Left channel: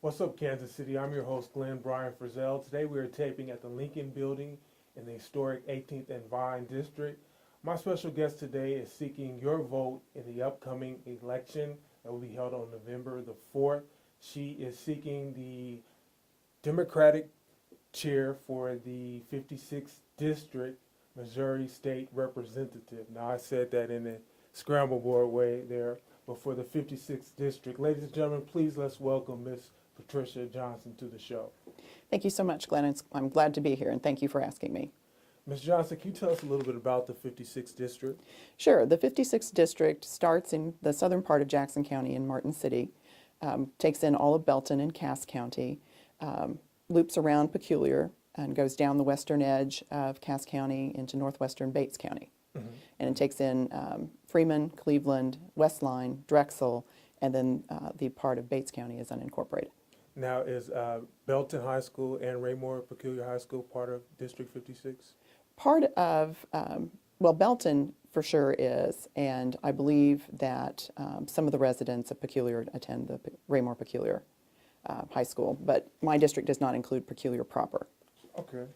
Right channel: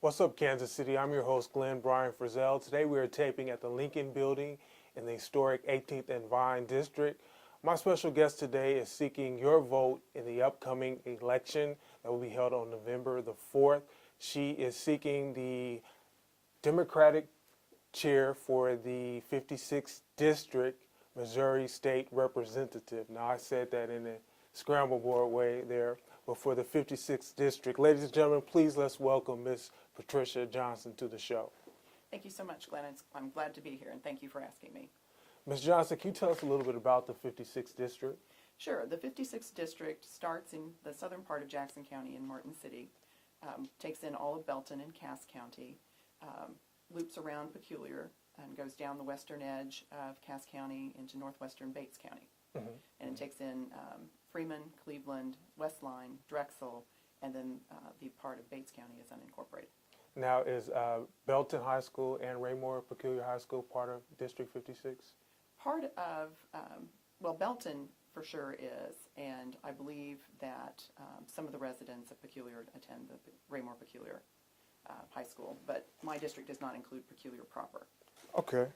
What's up, Kansas City? I'm your host, Glenn Brian Frizzell. Today we are taping at the Lincoln Building in the historic 18th and Vine District. My special guest today is seeking your vote in the upcoming election that will be held on November the 4th. She is seeking the Democratic chair for the 56th District, Missouri State Representative. Now, I said that in a scramble board way there, but for the 56th District. Ladies and gentlemen, please let's welcome Ms. Patricia Johnson to the show. Thank you so much, Glenn. I'm glad to be here, and thank you for asking me. Ms. Johnson, can you tell us a little bit about the 56th District? Sure. The 56th District starts in the southern part of Jackson County in Martin City, takes in all of Belton and Cass County, loops around Peculiar, and goes down the western edge of Cass County into northwestern Bates County. Mm-hmm. And it takes in Freeman, Cleveland, Westline, Drexel, and then the part of Bates County is unincorporated. Now, is Belton High School and Raymore Peculiar High School part of District 56? Part of, well, Belton for sure is, and I believe that some of the residents of Peculiar attend the Raymore Peculiar High School, but my district does not include Peculiar proper. Okay.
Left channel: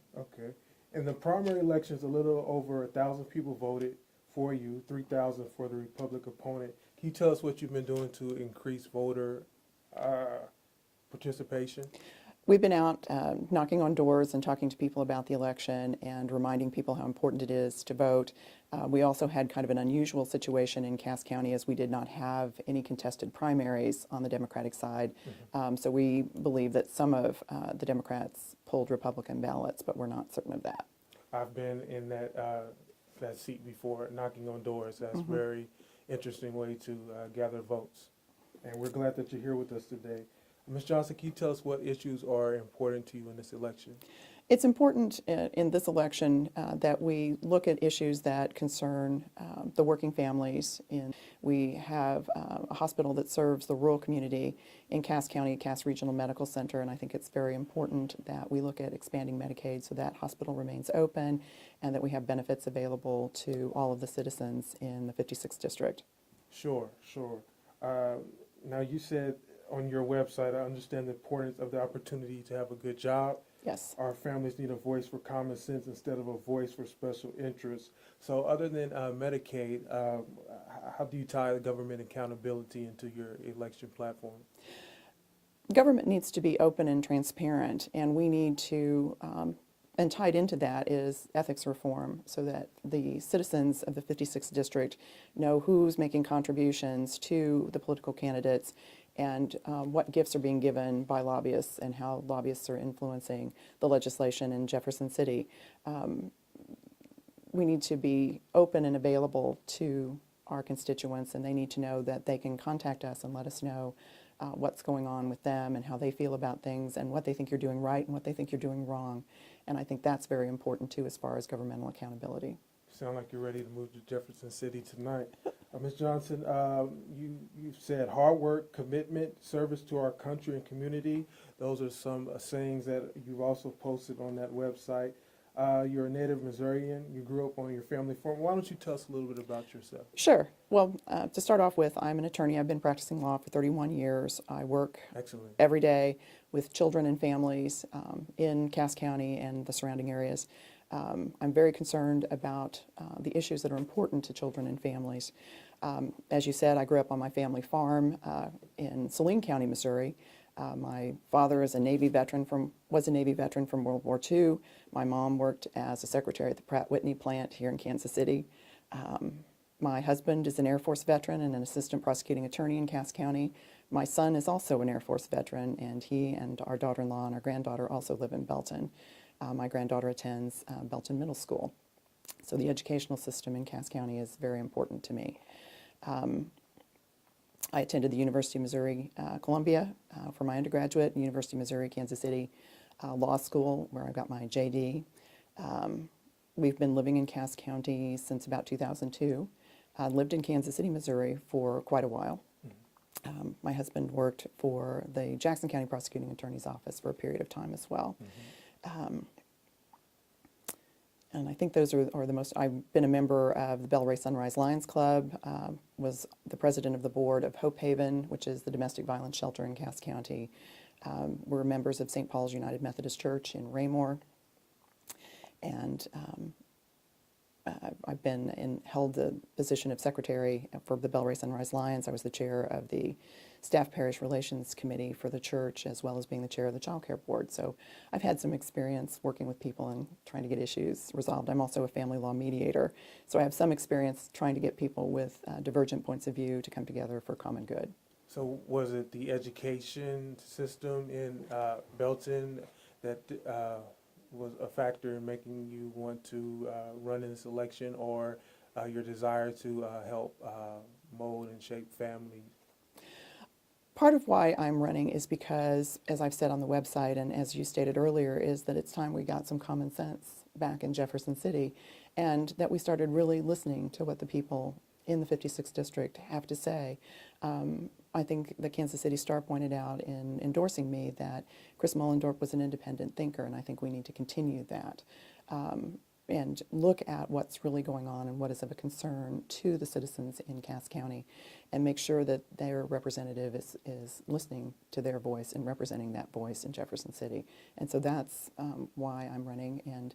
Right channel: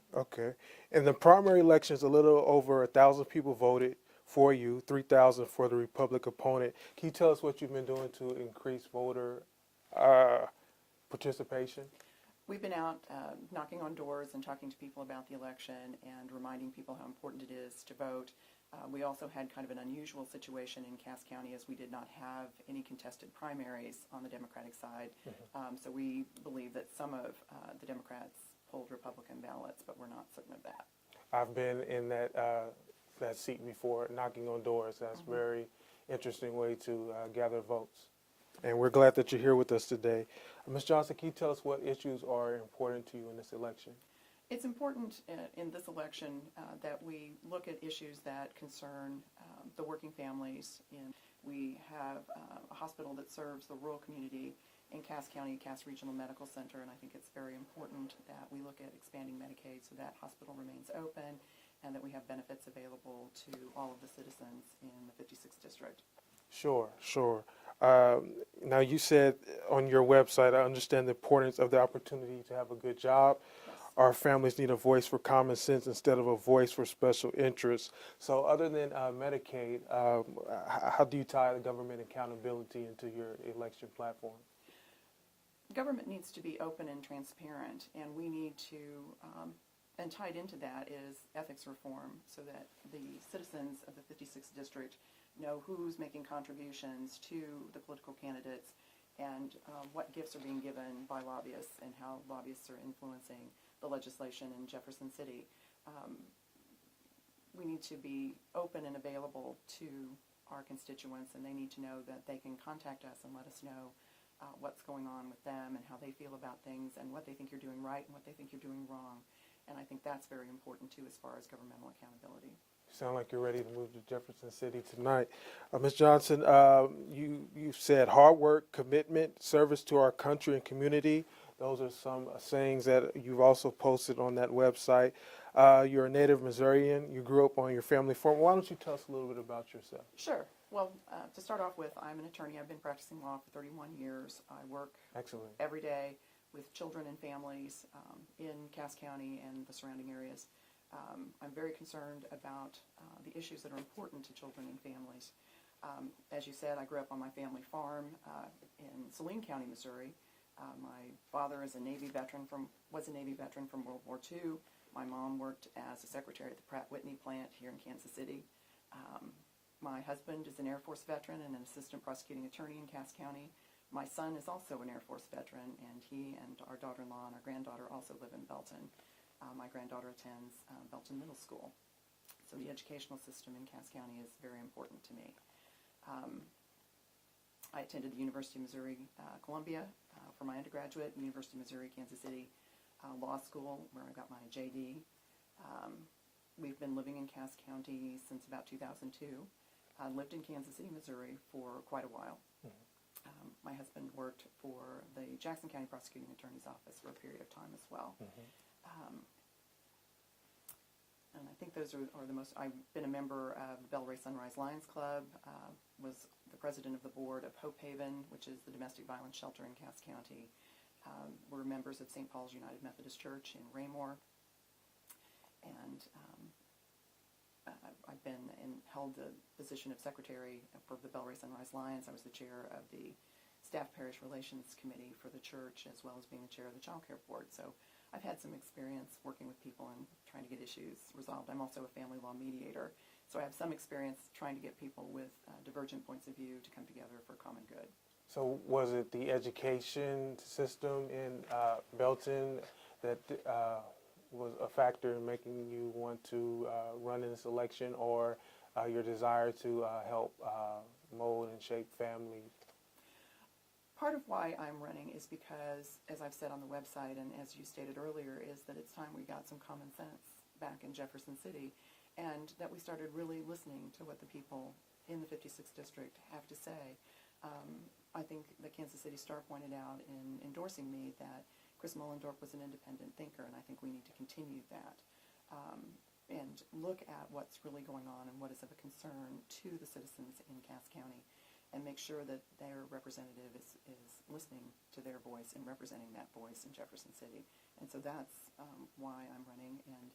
In the primary elections, a little over 1,000 people voted for you, 3,000 for the Republican opponent. Can you tell us what you've been doing to increase voter participation? We've been out knocking on doors and talking to people about the election and reminding people how important it is to vote. We also had kind of an unusual situation in Cass County as we did not have any contested primaries on the Democratic side. Mm-hmm. So we believe that some of the Democrats pulled Republican ballots, but we're not certain of that. I've been in that seat before, knocking on doors. That's a very interesting way to gather votes. And we're glad that you're here with us today. Ms. Johnson, can you tell us what issues are important to you in this election? It's important in this election that we look at issues that concern the working families. We have a hospital that serves the rural community in Cass County, Cass Regional Medical Center, and I think it's very important that we look at expanding Medicaid so that hospital remains open and that we have benefits available to all of the citizens in the 56th District. Sure. Now, you said on your website, I understand the importance of the opportunity to have a good job. Yes. Our families need a voice for common sense instead of a voice for special interests. So other than Medicaid, how do you tie government accountability into your election platform? Government needs to be open and transparent, and we need to, and tied into that is ethics reform so that the citizens of the 56th District know who's making contributions to the political candidates and what gifts are being given by lobbyists and how lobbyists are influencing the legislation in Jefferson City. We need to be open and available to our constituents, and they need to know that they can contact us and let us know what's going on with them and how they feel about things and what they think you're doing right and what they think you're doing wrong. And I think that's very important, too, as far as governmental accountability. Sound like you're ready to move to Jefferson City tonight. Ms. Johnson, you said hard work, commitment, service to our country and community. Those are some sayings that you've also posted on that website. You're a native Missourian. You grew up on your family farm. Why don't you tell us a little bit about yourself? Sure. Well, to start off with, I'm an attorney. I've been practicing law for 31 years. I work every day with children and families in Cass County and the surrounding areas. I'm very concerned about the issues that are important to children and families. As you said, I grew up on my family farm in Saline County, Missouri. My father is was a Navy veteran from World War II. My mom worked as a secretary at the Pratt Whitney plant here in Kansas City. My husband is an Air Force veteran and an assistant prosecuting attorney in Cass County. My son is also an Air Force veteran, and he and our daughter-in-law and our granddaughter also live in Belton. My granddaughter attends Belton Middle School. So the educational system in Cass County is very important to me. I attended the University of Missouri Columbia for my undergraduate, and University of Missouri Kansas City Law School, where I got my JD. We've been living in Cass County since about 2002. I lived in Kansas City, Missouri for quite a while. My husband worked for the Jackson County Prosecuting Attorney's Office for a period of time as well. And I think those are the most. I've been a member of the Bellray Sunrise Lions Club, was the president of the board of Hope Haven, which is the domestic violence shelter in Cass County. We're members of St. Paul's United Methodist Church in Raymore. And I've held the position of secretary for the Bellray Sunrise Lions. I was the chair of the Staff Parish Relations Committee for the church, as well as being the chair of the Child Care Board. So I've had some experience working with people and trying to get issues resolved. I'm also a family law mediator, so I have some experience trying to get people with divergent points of view to come together for common good. So was it the education system in Belton that was a factor in making you want to run in this election, or your desire to help mold and shape family? Part of why I'm running is because, as I've said on the website and as you stated earlier, is that it's time we got some common sense back in Jefferson City, and that we started really listening to what the people in the 56th District have to say. I think the Kansas City Star pointed out in endorsing me that Chris Mullendorf was an independent thinker, and I think we need to continue that and look at what's really going on and what is of a concern to the citizens in Cass County, and make sure that their representative is listening to their voice and representing that voice in Jefferson City. And so that's why I'm running. And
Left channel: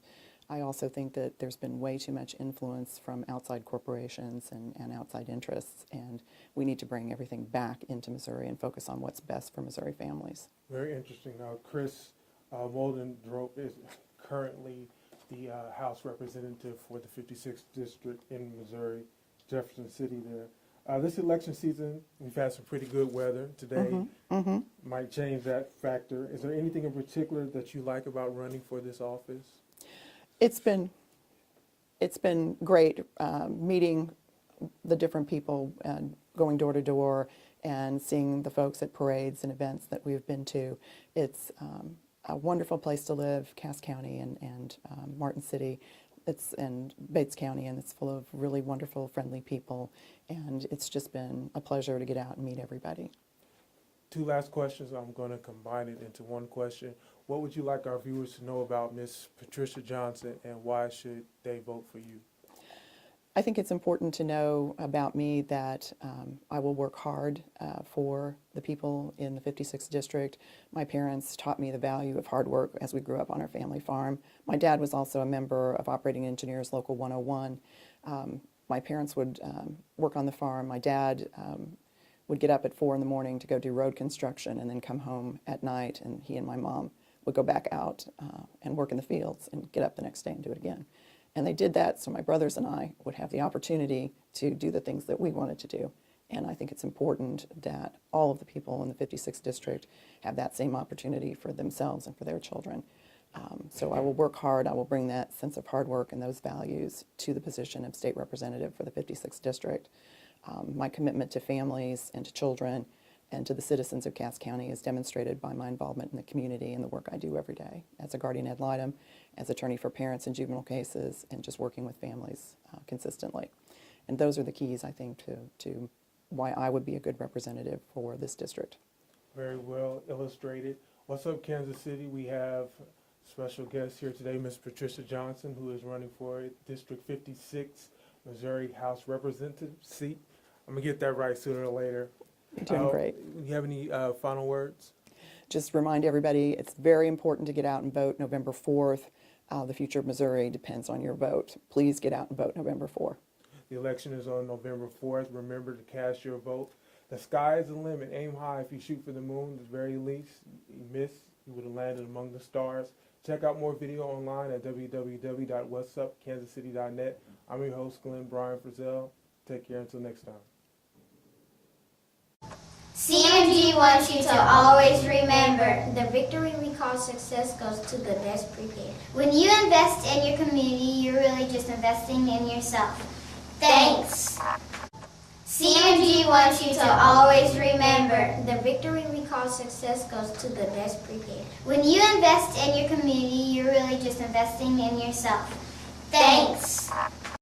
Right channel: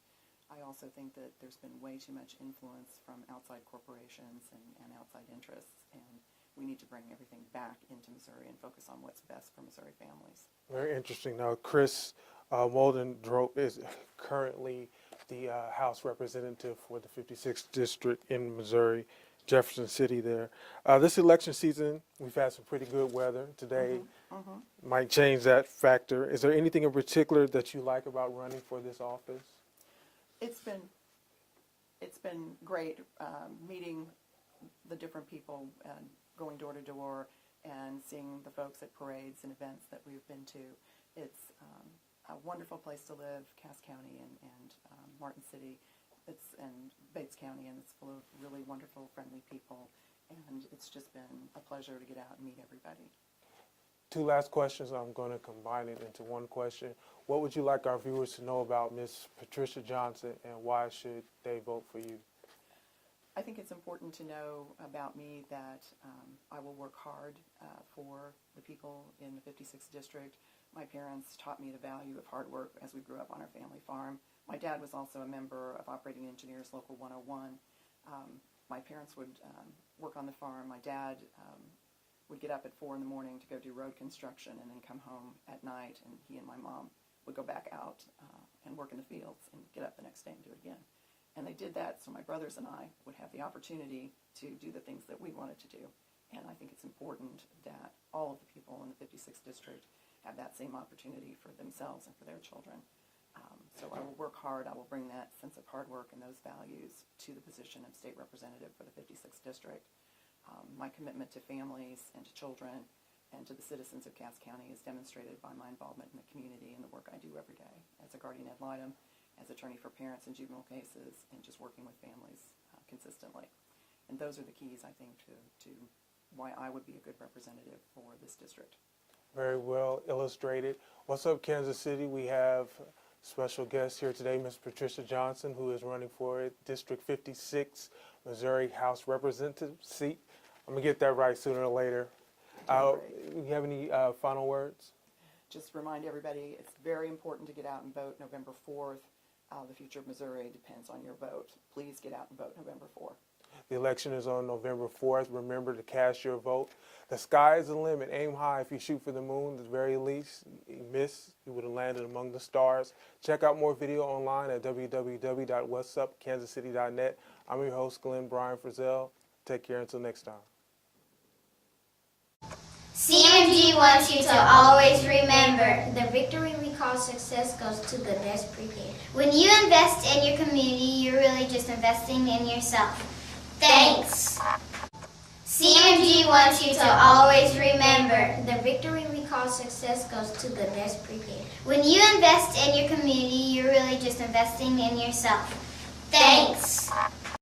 I also think that there's been way too much influence from outside corporations and outside interests, and we need to bring everything back into Missouri and focus on what's best for Missouri families. Very interesting. Now, Chris Mullendorf is currently the House representative for the 56th District in Missouri, Jefferson City there. This election season, we've had some pretty good weather today. Might change that factor. Is there anything in particular that you like about running for this office? It's been great meeting the different people and going door to door and seeing the folks at parades and events that we've been to. It's a wonderful place to live, Cass County and Martin City. And Bates County, and it's full of really wonderful, friendly people, and it's just been a pleasure to get out and meet everybody. Two last questions. I'm going to combine it into one question. What would you like our viewers to know about Ms. Patricia Johnson, and why should they vote for you? I think it's important to know about me that I will work hard for the people in the 56th District. My parents taught me the value of hard work as we grew up on our family farm. My dad was also a member of Operating Engineers Local 101. My parents would work on the farm. My dad would get up at 4 in the morning to go do road construction and then come home at night, and he and my mom would go back out and work in the fields and get up the next day and do it again. And they did that so my brothers and I would have the opportunity to do the things that we wanted to do. And I think it's important that all of the people in the 56th District have that same opportunity for themselves and for their children. So I will work hard. I will bring that sense of hard work and those values to the position of state representative for the 56th District. My commitment to families and to children and to the citizens of Cass County is demonstrated by my involvement in the community and the work I do every day as a guardian ad litem, as attorney for parents in juvenile cases, and just working with families consistently. And those are the keys, I think, to why I would be a good representative for this district. Very well illustrated. What's up, Kansas City? We have special guest here today, Ms. Patricia Johnson, who is running for District 56, Missouri House Representative seat. I'm going to get that right sooner or later. You're doing great. Do you have any final words? Just remind everybody, it's very important to get out and vote November 4th. The future of Missouri depends on your vote. Please get out and vote November 4th. The election is on November 4th. Remember to cast your vote. The sky is the limit. Aim high. If you shoot for the moon, at the very least, you miss, you would have landed among the stars. Check out more video online at www.whatsupkansascity.net. I'm your host, Glenn Brian Frizzell. Take care until next time. CMG wants you to always remember, the victory we call success goes to the best prepared. When you invest in your community, you're really just investing in yourself. Thanks. CMG wants you to always remember, the victory we call success goes to the best prepared. When you invest in your community, you're really just investing in yourself. Thanks.